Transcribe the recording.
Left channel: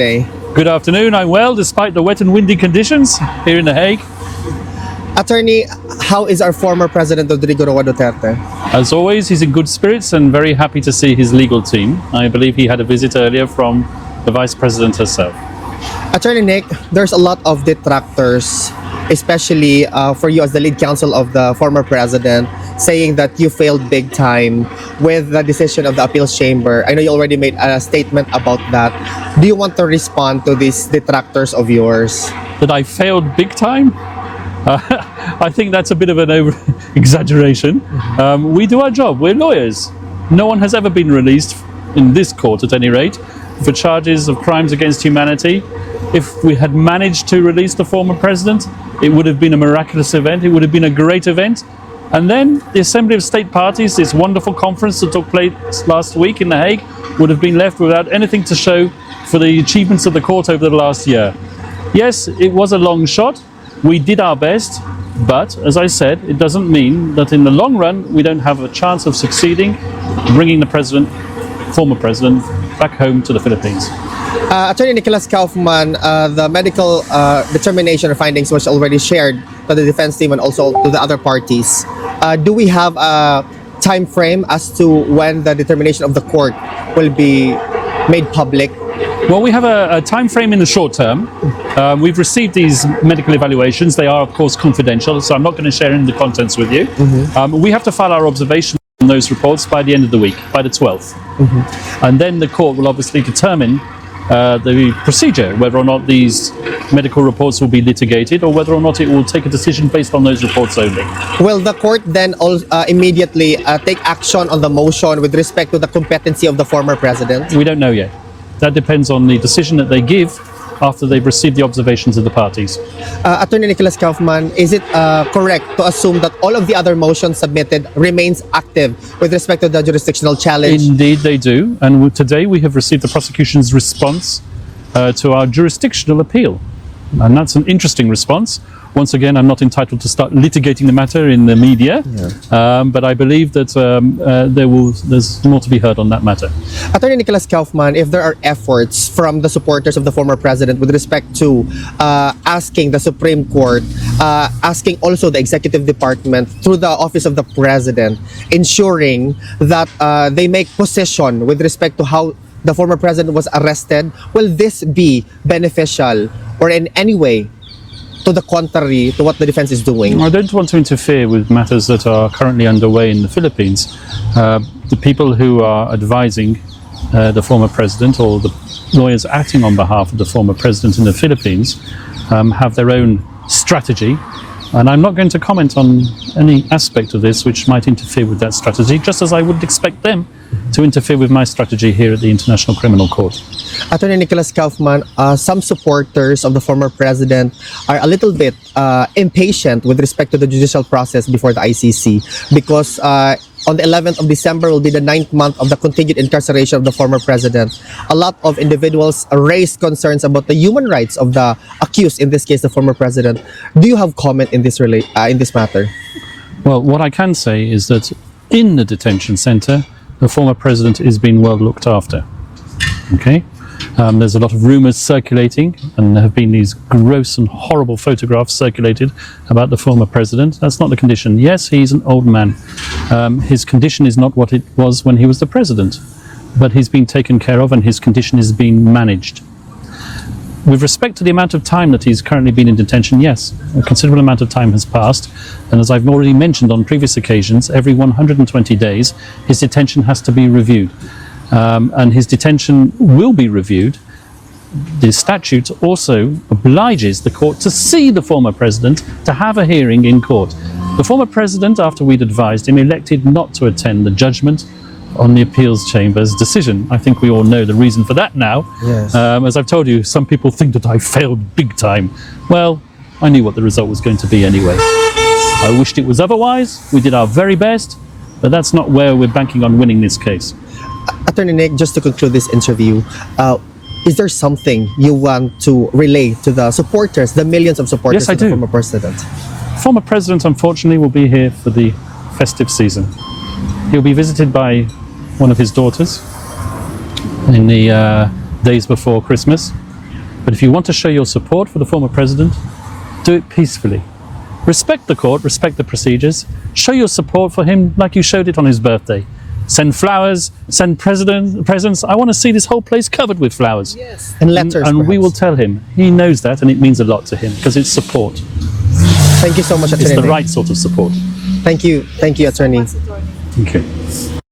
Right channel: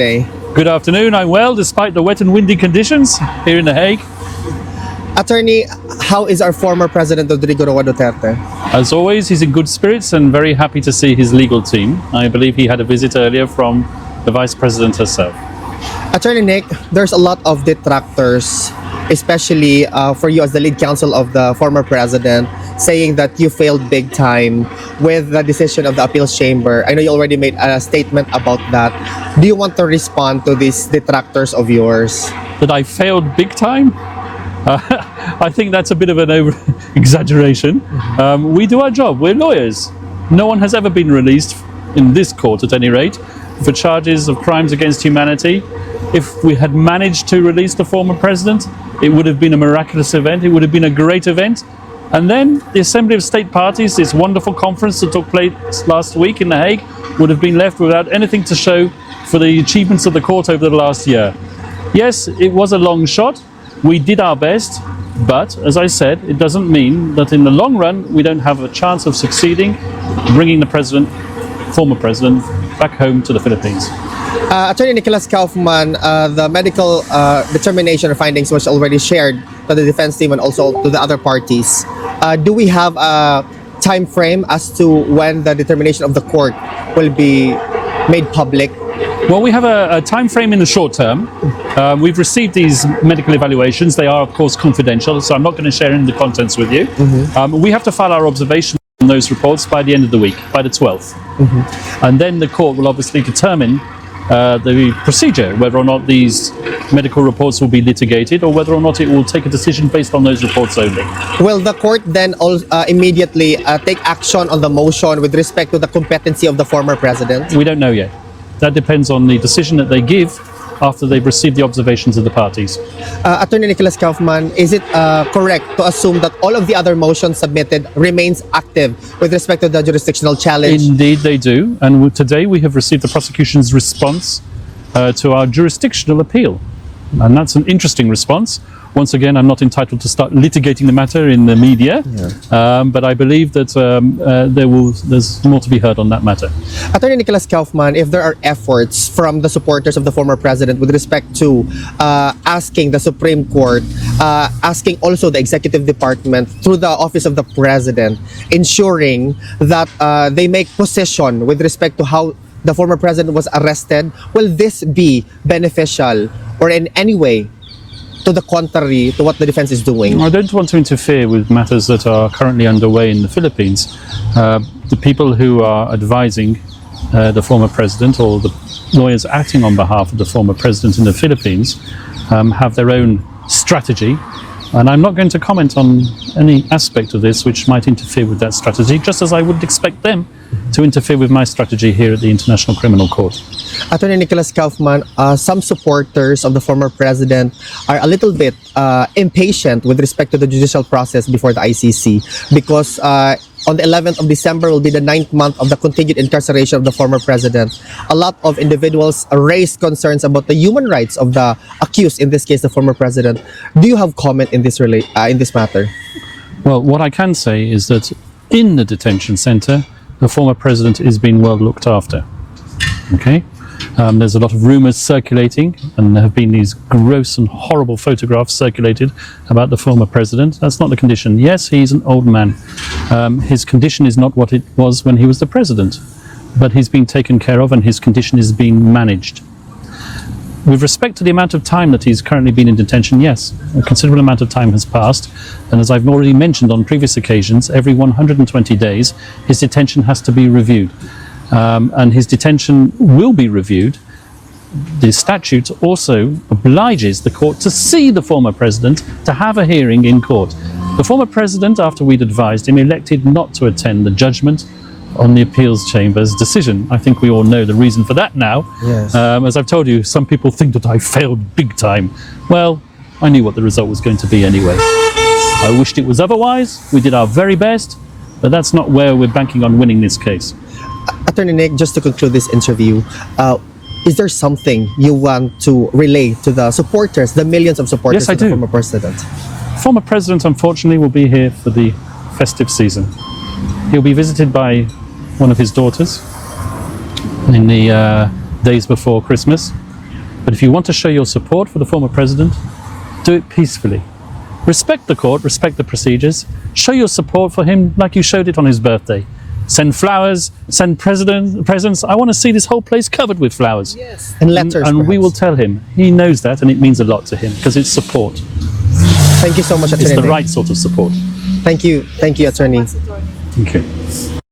today? Good afternoon. I'm well, despite the wet and windy conditions here in The Hague. Attorney, how is our former President Rodrigo Roa Duterte? As always, he's in good spirits and very happy to see his legal team. I believe he had a visit earlier from the Vice President herself. Attorney Nick, there's a lot of detractors, especially for you as the lead counsel of the former president, saying that you failed big time with the decision of the appeals chamber. I know you already made a statement about that. Do you want to respond to these detractors of yours? That I failed big time? I think that's a bit of an over-exaggeration. We do our job. We're lawyers. No one has ever been released, in this court at any rate, for charges of crimes against humanity. If we had managed to release the former president, it would have been a miraculous event. It would have been a great event. And then the Assembly of State Parties, this wonderful conference that took place last week in The Hague, would have been left without anything to show for the achievements of the court over the last year. Yes, it was a long shot. We did our best. But, as I said, it doesn't mean that in the long run we don't have a chance of succeeding, bringing the former president, back home to the Philippines. Attorney Nicholas Kaufman, the medical determination or findings was already shared to the defense team and also to the other parties. Do we have a time frame as to when the determination of the court will be made public? Well, we have a time frame in the short term. We've received these medical evaluations. They are, of course, confidential, so I'm not going to share any of the contents with you. We have to file our observation on those reports by the end of the week, by the 12th. And then the court will obviously determine the procedure, whether or not these medical reports will be litigated or whether or not it will take a decision based on those reports only. Will the court then immediately take action on the motion with respect to the competency of the former president? We don't know yet. That depends on the decision that they give after they've received the observations of the parties. Attorney Nicholas Kaufman, is it correct to assume that all of the other motions submitted remains active with respect to the jurisdictional challenge? Indeed they do, and today we have received the prosecution's response to our jurisdictional appeal. And that's an interesting response. Once again, I'm not entitled to start litigating the matter in the media, but I believe that there's more to be heard on that matter. Attorney Nicholas Kaufman, if there are efforts from the supporters of the former president with respect to asking the Supreme Court, asking also the executive department through the office of the president, ensuring that they make position with respect to how the former president was arrested, will this be beneficial or in any way to the contrary to what the defense is doing? I don't want to interfere with matters that are currently underway in the Philippines. The people who are advising the former president or the lawyers acting on behalf of the former president in the Philippines have their own strategy. And I'm not going to comment on any aspect of this which might interfere with that strategy, just as I would expect them to interfere with my strategy here at the International Criminal Court. Attorney Nicholas Kaufman, some supporters of the former president are a little bit impatient with respect to the judicial process before the ICC because on the 11th of December will be the 9th month of the continued incarceration of the former president. A lot of individuals raised concerns about the human rights of the accused, in this case the former president. Do you have comment in this matter? Well, what I can say is that in the detention center, the former president is being well looked after. Okay? There's a lot of rumors circulating, and there have been these gross and horrible photographs circulated about the former president. That's not the condition. Yes, he's an old man. His condition is not what it was when he was the president, but he's been taken care of and his condition is being managed. With respect to the amount of time that he's currently been in detention, yes, a considerable amount of time has passed. And as I've already mentioned on previous occasions, every 120 days, his detention has to be reviewed. And his detention will be reviewed. The statute also obliges the court to see the former president, to have a hearing in court. The former president, after we'd advised him, elected not to attend the judgment on the appeals chamber's decision. I think we all know the reason for that now. Yes. As I've told you, some people think that I failed big time. Well, I knew what the result was going to be anyway. I wished it was otherwise. We did our very best, but that's not where we're banking on winning this case. Attorney Nick, just to conclude this interview, is there something you want to relay to the supporters, the millions of supporters of the former president? Former president, unfortunately, will be here for the festive season. He'll be visited by one of his daughters in the days before Christmas. But if you want to show your support for the former president, do it peacefully. Respect the court, respect the procedures, show your support for him like you showed it on his birthday. Send flowers, send presents. I want to see this whole place covered with flowers. Yes. And letters. And we perhaps. will tell him. He knows that, and it means a lot to him because it's support. Thank you so much. It's the right sort of support. Thank you, attorney. Thank you.